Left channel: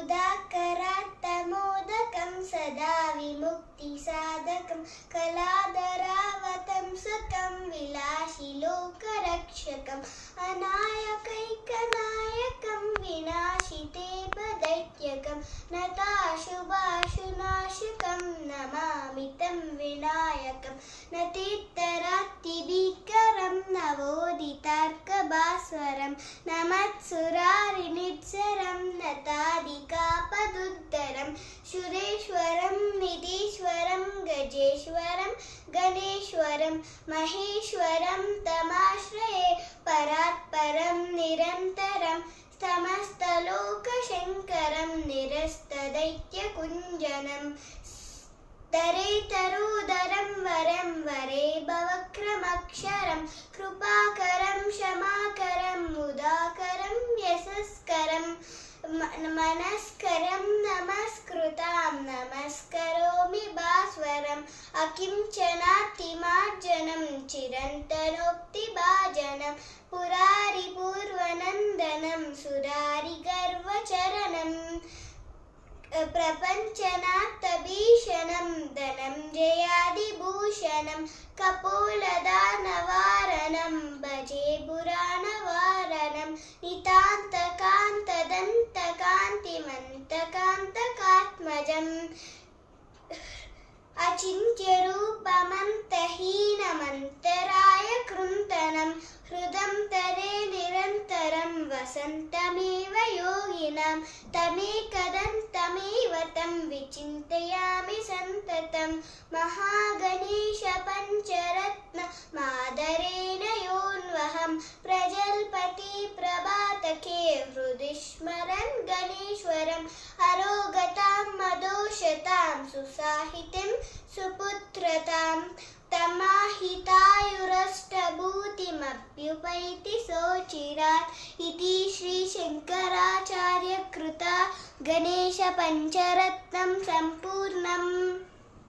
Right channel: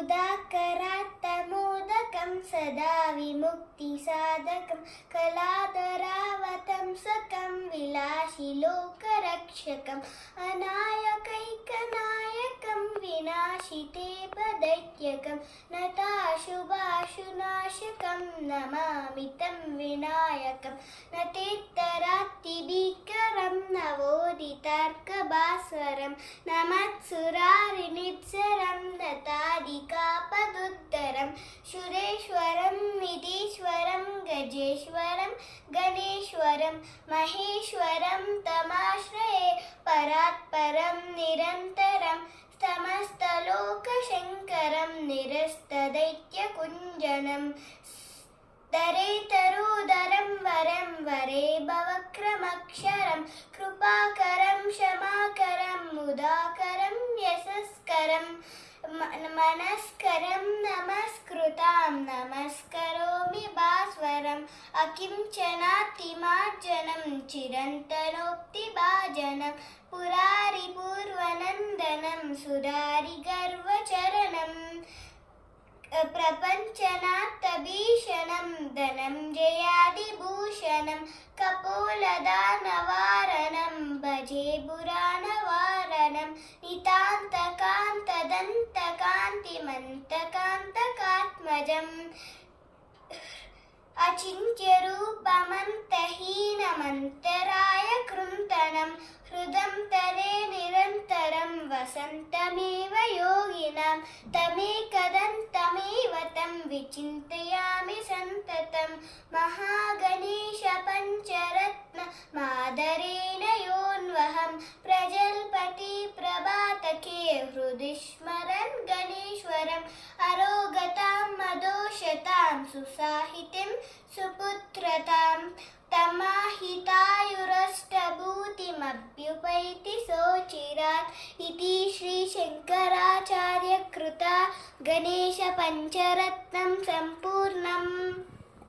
उदाकरात्तमोदकं सदा विमुक्तिसाधकं कलाधरावतंसकं विलासिलोकरक्षकम् अनायकैकनायकं विनाशिते पदैत्यकं नताशुभाशुनाशकं नमामि तं विनायकं न तीर्थरात्तिभीकरं नवोदितार्कभास्वरं नमत्सुरारिनित्सरं नतादिकापदुद्धरं शुरेश्वरं निधीश्वरं गजेश्वरं गणेश्वरं महेश्वरं तमाश्रये परात्परं निरन्तरं समस्तलोकशङ्करं निरस्तदैत्यकुञ्जनं तरेतरोदरं वरं वरे भवक्रमक्षरं कृपाकरं क्षमाकरं मुदाकरं यशस्करं मनस्करं नमस्कृतां नमस्करोमि भास्वरम् अकिञ्चनातिमार्जनं चिरन्तनोक्तिभाजनं पुरारिपूर्वनन्दनं सुरारिगर्वचरणं प्रपञ्चनाथभीषणं धनञ्जयादिभूषणं कपोलदानवारणं भजे पुराणवारणं नितान्तकान्तदन्तकान्तिमन्तकान्तकात्मजम् अचिन्त्यरूपमन्तहीनमन्तराय कृन्तनं हृदं तरे निरन्तरं वसन्तमेव योगिनां तमेकदन्तमेव तं विचिन्तयामि सन्ततं महागणेशपञ्चरत्नमादरेण योऽन्वहं प्रजल्पति प्रभातके हृदि स्मरन् गणेश्वरम् अरोगतां मदोषतां सुसाहितिं सुपुत्रतां तमाहितायुरष्टभूतिमभ्युपैति सोचिरात् इति श्रीशङ्कराचार्यकृता गणेशपञ्चरत्नं सम्पूर्णम्।